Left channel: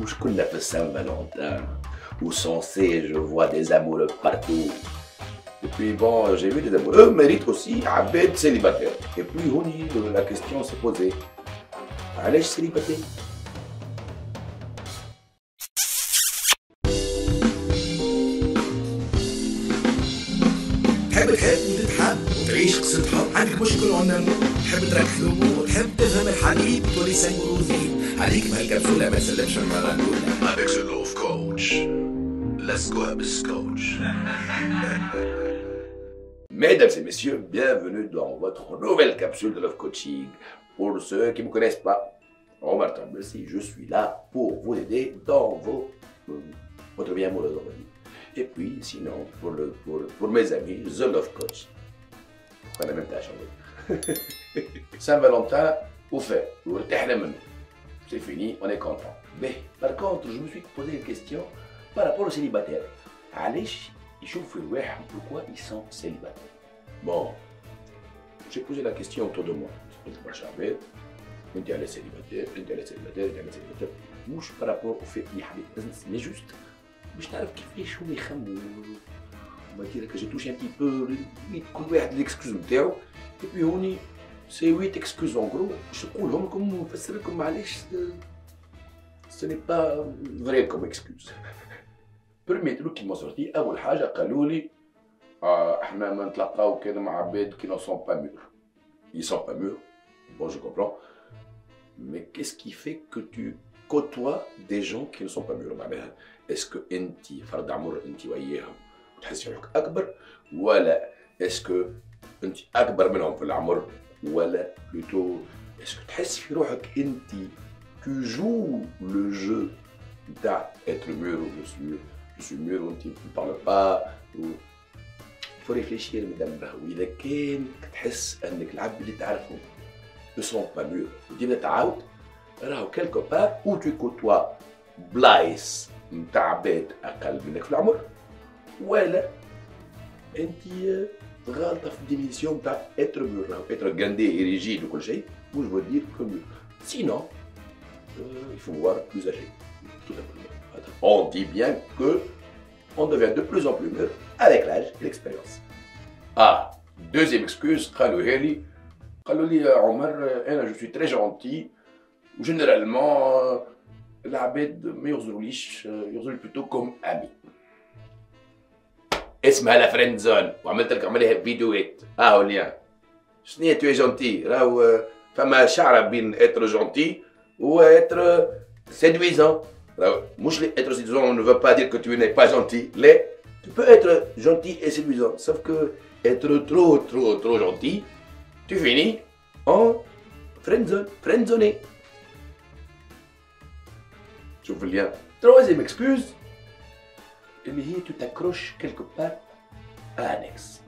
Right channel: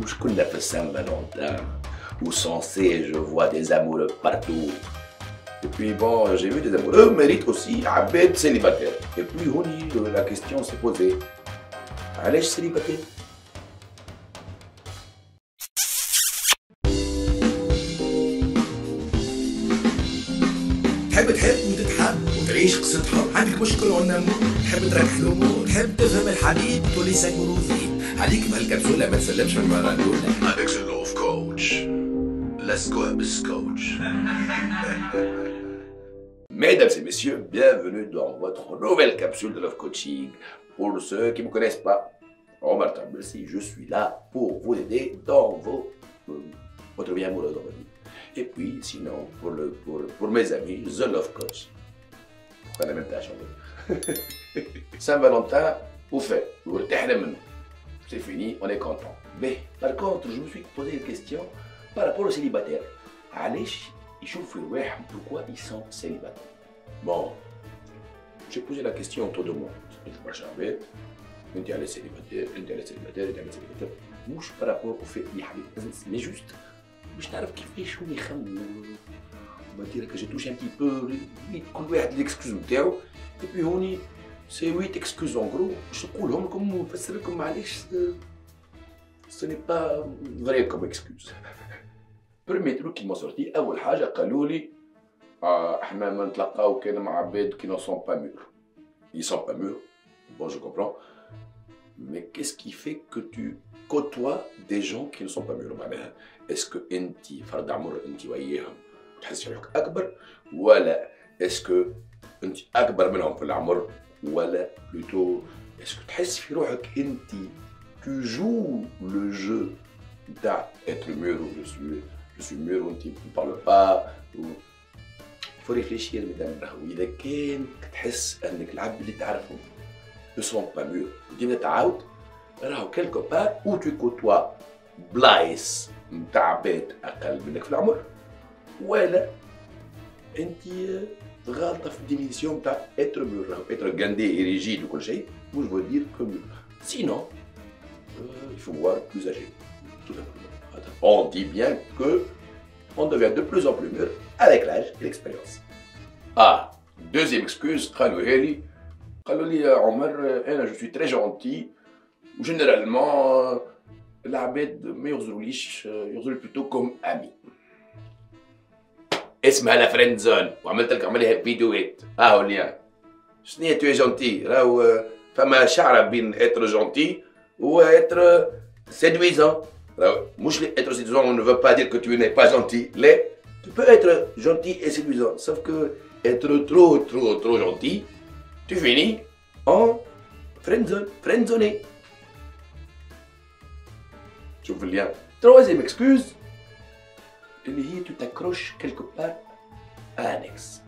مش كلها في السان فالنتين où censé je vois des amoureux partout. Et puis bon, j'ai vu des amoureux méritent aussi عباد célibataire. Et puis la question s'est posée. علاش célibataire؟ تحب وتتحب وتعيش قصة حب، عندك مشكل عنمو، تحب تركح الامور، تحب تفهم الحبيب تولي سيكوروزي، عليك بهالكبسولة ما تسلمش المرة الأولى. Avec ce love coach. Let's go have a coach. Mesdames et messieurs, bienvenue dans votre nouvelle capsule de Love Coaching. Pour ceux qui ne me connaissent pas, Omar Tambelsi, je suis là pour vous aider dans votre vie amoureuse, on va dire. Et puis, sinon, pour mes amis, The Love Coach. Pourquoi la même tâche en fait? Saint-Valentin, au fait, c'est fini, on est content. Mais par contre, je me suis posé une question par rapport aux célibataires. Pourquoi ils sont célibataires? Bon, j'ai posé la question autour de moi. On est célibataire, مش par rapport au fait mais juste باش نعرف كيفاش هما يخمموا on va dire que j'ai touché un petit peu كل واحد l'excuse نتاعو et puis هوني c'est 8 excuses en gros باش نقولهم لكم ونفسر لكم معليش ce n'est pas vrai comme excuse. برمي تروك كيما صرتي اول حاجه قالوا لي احنا ما نتلاقاو كان مع عباد qui ne sont pas mûrs. Ils sont pas mûrs, bon je comprends, mais qu'est-ce qui fait que tu côtoies des gens qui ne sont pas mûrs معناها est-ce que انت فرد عمر انت وياهم تحس روحك اكبر ولا est-ce que انت اكبر منهم في العمر ولا plutôt est-ce que تحس في روحك انت tu joues le jeu تاع être mûr ou je suis mûr ou tu ne parles pas ou faut réfléchir مدام راهو اذا كان تحس انك العبد اللي تعرفهم ne sont pas mûrs وديما تعاود راهو quelque part où tu côtoies بلايص نتاع عباد اقل منك في العمر ولا انت غالطه في الديفينيسيون نتاع être mûr راهو être gandé et rigide وكل شيء مش veut dire que mûr sinon il faut voir plus âgé tout simplement. On dit bien que on devient de plus en plus mûr avec l'âge et l'expérience. Ah, deuxième excuse, je suis très gentil, ou généralement, l'abed me يغزروا plutôt comme ami. اسمها la friend zone, وعملت لك عملها فيديوهات. هو اليوم. شنو tu es gentil, راهو فما شعرة بين être gentil ou être séduisant. Mouche, être séduisant ne veut pas dire que tu n'es pas gentil. Tu peux être gentil et séduisant, sauf que être trop gentil, tu finis en friendzone. Tu veux bien. Troisième excuse, tu t'accroches quelque part à un ex.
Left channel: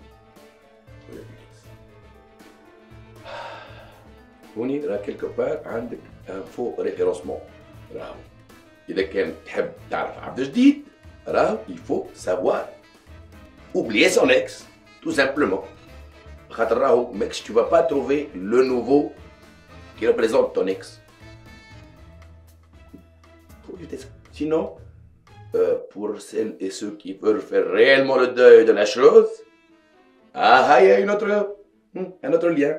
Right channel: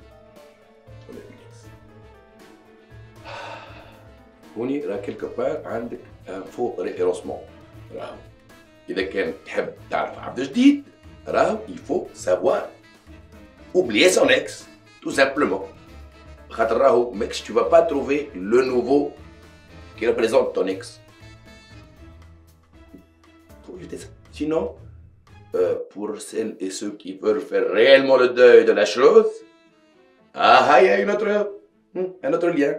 On est quelque part un faux référencement. إذا كان تحب تعرف عبد جديد راهو il faut savoir oublier son ex tout simplement خاطر راهو ماكش tu vas pas trouver le nouveau qui représente ton ex. Faut éviter ça. Sinon pour celles et ceux qui veulent faire réellement le deuil de la chose, il y a un autre lien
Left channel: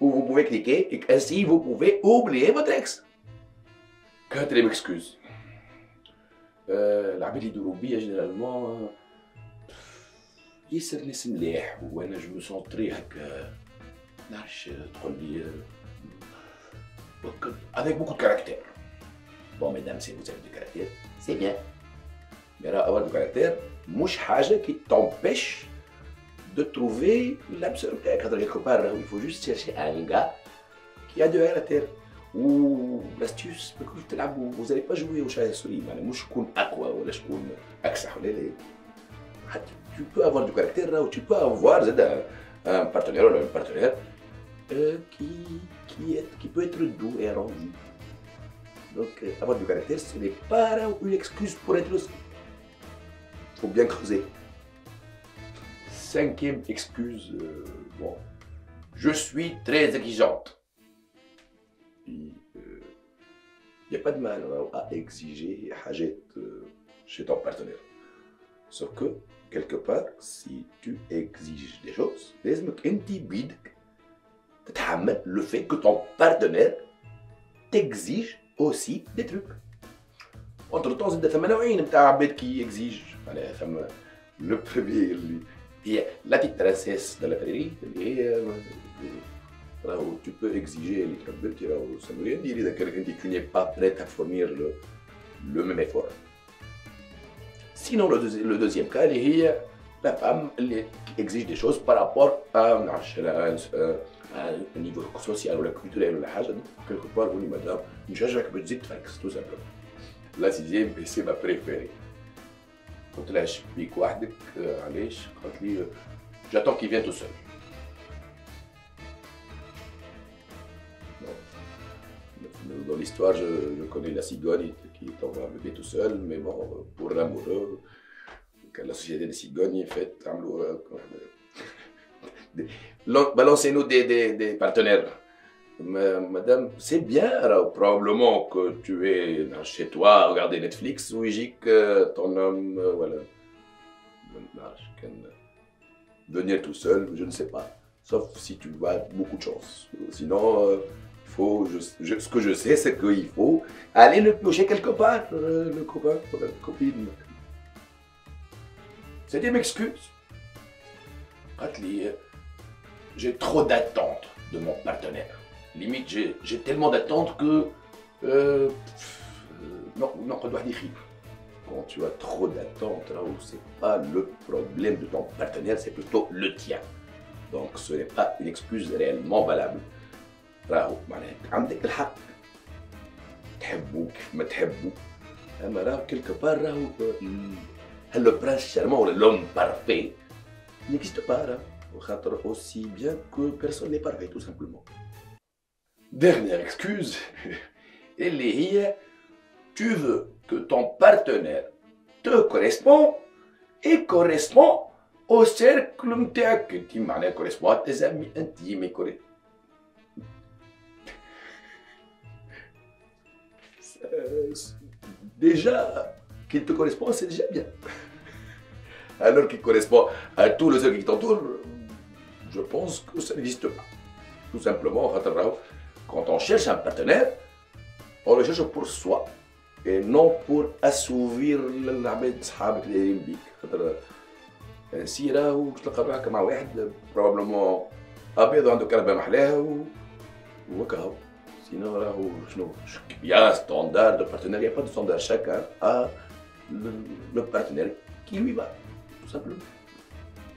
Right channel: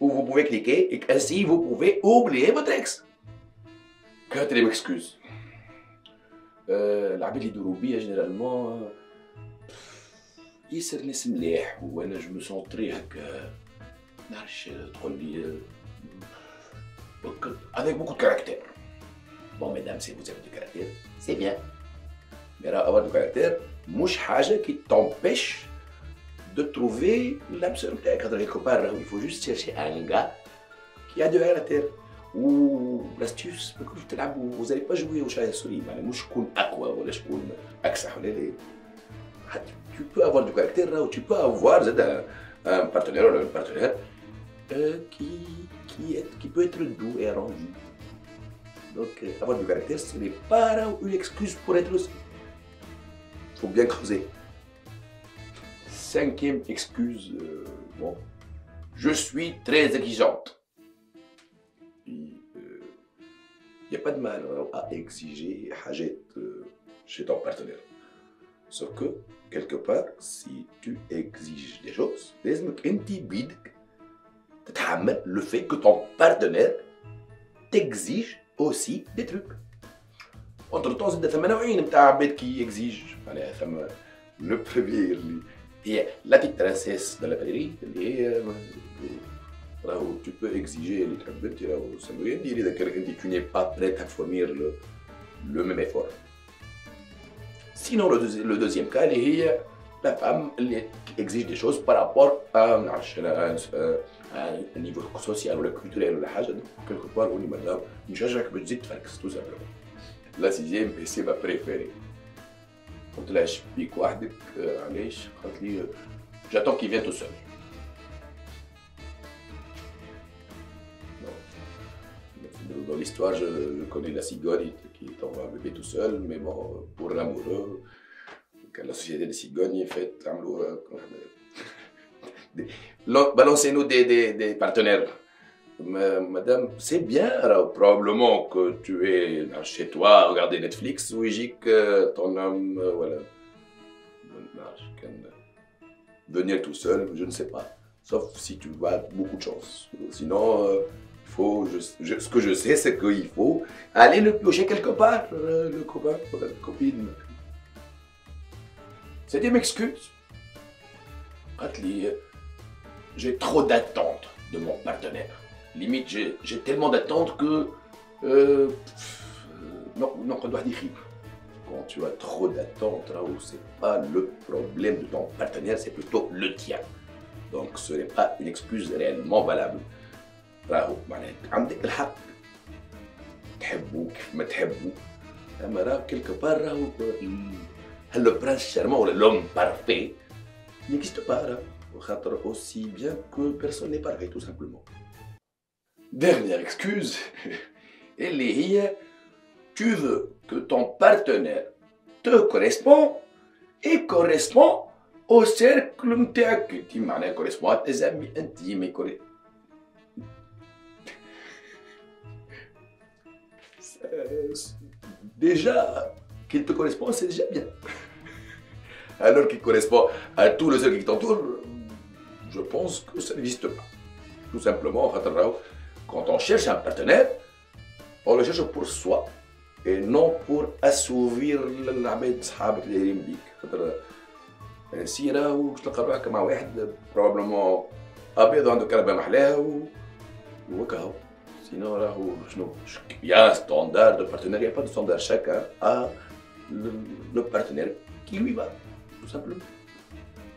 où vous pouvez cliquer et ainsi vous pouvez oublier votre ex. Quatrième excuse. العباد اللي يدوروا بيا جينيرالمون ياسر ناس مليح وانا جو سونطري هكا نعرفش تقول لي avec beaucoup de caractère. Bon mesdames, si vous avez du caractère, c'est bien. Mais avoir du caractère مش حاجة qui t'empêche de trouver l'âme sœur نتاعك خاطر quelque part il faut juste chercher un gars qui a du caractère. Ou l'astuce, vous n'allez pas jouer au chat et souris, tu peux avoir du caractère ou tu peux avoir un partenaire ou un partenaire qui peut être doux et arrondi. Donc avoir du caractère, ce n'est pas une excuse pour être aussi. Il faut bien creuser. Cinquième excuse, bon, je suis très exigeante. n'y a pas de mal à exiger حاجات chez ton partenaire. Sauf que, quelque part, si tu exiges des choses, لازمك انت بيدك تتحمل le fait que ton partenaire t'exige aussi des trucs. Entre temps, زاد ثما نوعين نتاع عباد كي يكزيج، معناها ثما لو بروميي اللي هي لا تيت برانسيس دو لا فاليري اللي هي راهو tu peux exiger اللي تحب انت، راهو سمويا ديري اذا كانك انت tu n'es pas prêt à fournir le même effort. Sinon le deuxième cas اللي هي la femme اللي exige des choses par rapport à un niveau social ولا culturel ولا حاجه، quelque part قولي مدام نشجعك باش تزيد تفكس tout simplement. La sixième, et c'est ma préférée. قلت لها شبيك وحدك علاش؟ قالت لي j'attends qu'il vienne tout seul. Dans l'histoire, je connais la cigogne qui envoie un bébé tout seul, mais bon, pour l'amoureux, quand la société des cigognes est faite, balancez-nous des partenaires. Madame, c'est bien, alors, probablement que tu es chez toi à regarder Netflix ou que ton homme, voilà, venir tout seul, je ne sais pas, sauf si tu as beaucoup de chance. Sinon, ce que je sais, c'est qu'il faut aller le piocher quelque part, le copain, la copine. C'était une excuse. J'ai trop d'attentes de mon partenaire. Limite, j'ai tellement d'attentes que non, quand tu as trop d'attentes, c'est pas le problème de ton partenaire, c'est plutôt le tien. Donc ce n'est pas une excuse réellement valable. راهو معناها عندك الحق تحبوك ما تحبو، اما راهو كيلكو بار راهو لو برانس شارمون ولا لوم بارفي n'existe pas راهو، وخاطر aussi bien que personne n'est parfait tout simplement. Dernière excuse, اللي هي tu veux que ton partenaire te correspond et correspond au cercle نتاعك انت، معناها correspond à tes amis intimes et déjà qu'il te correspond, c'est déjà bien. Alors qu'il correspond à tout le cercle qui t'entoure, je pense que ça n'existe pas. Tout simplement, quand on cherche un partenaire, on le cherche pour soi et non pour assouvir العباد صحابك اللي دايرين بيك. خاطر سي راهو باش تلقى روحك مع واحد بروبليمون ابيض عنده كربه محلاها وهكا. Sinon, il y a un standard de partenaire, il n'y a pas de standard. Chacun a le partenaire qui lui va, tout simplement.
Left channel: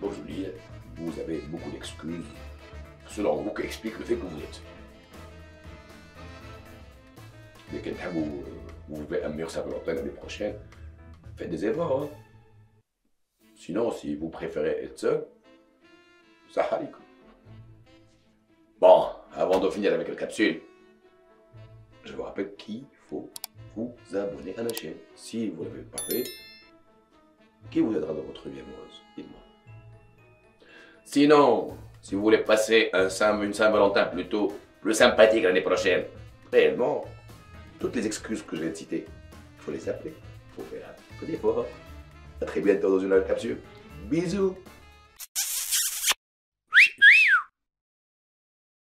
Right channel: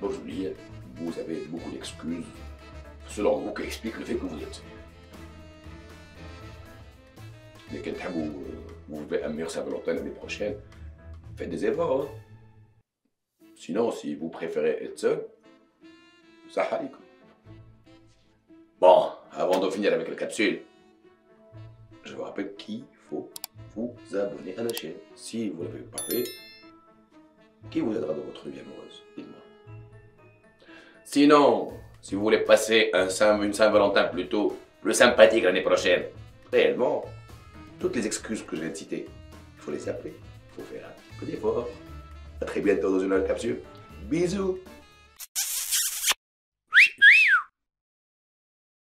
Donc, je vous dis, vous avez beaucoup d'excuses, selon vous, qui expliquent le fait que vous êtes. Mais quand vous voulez un meilleur Saint-Valentin l'année prochaine, faites des efforts. Hein. Sinon, si vous préférez être seul, ça arrive. Bon, avant de finir avec la capsule, je vous rappelle qu'il faut vous abonner à la chaîne. Si vous ne l'avez pas fait, qui vous aidera dans votre vie amoureuse? Dites-moi. Sinon, si vous voulez passer une Saint-Valentin plutôt plus sympathique l'année prochaine, réellement, toutes les excuses que je viens de citer, il faut les appeler. Il faut faire un peu d'effort. À très bientôt dans une autre capsule. Bisous.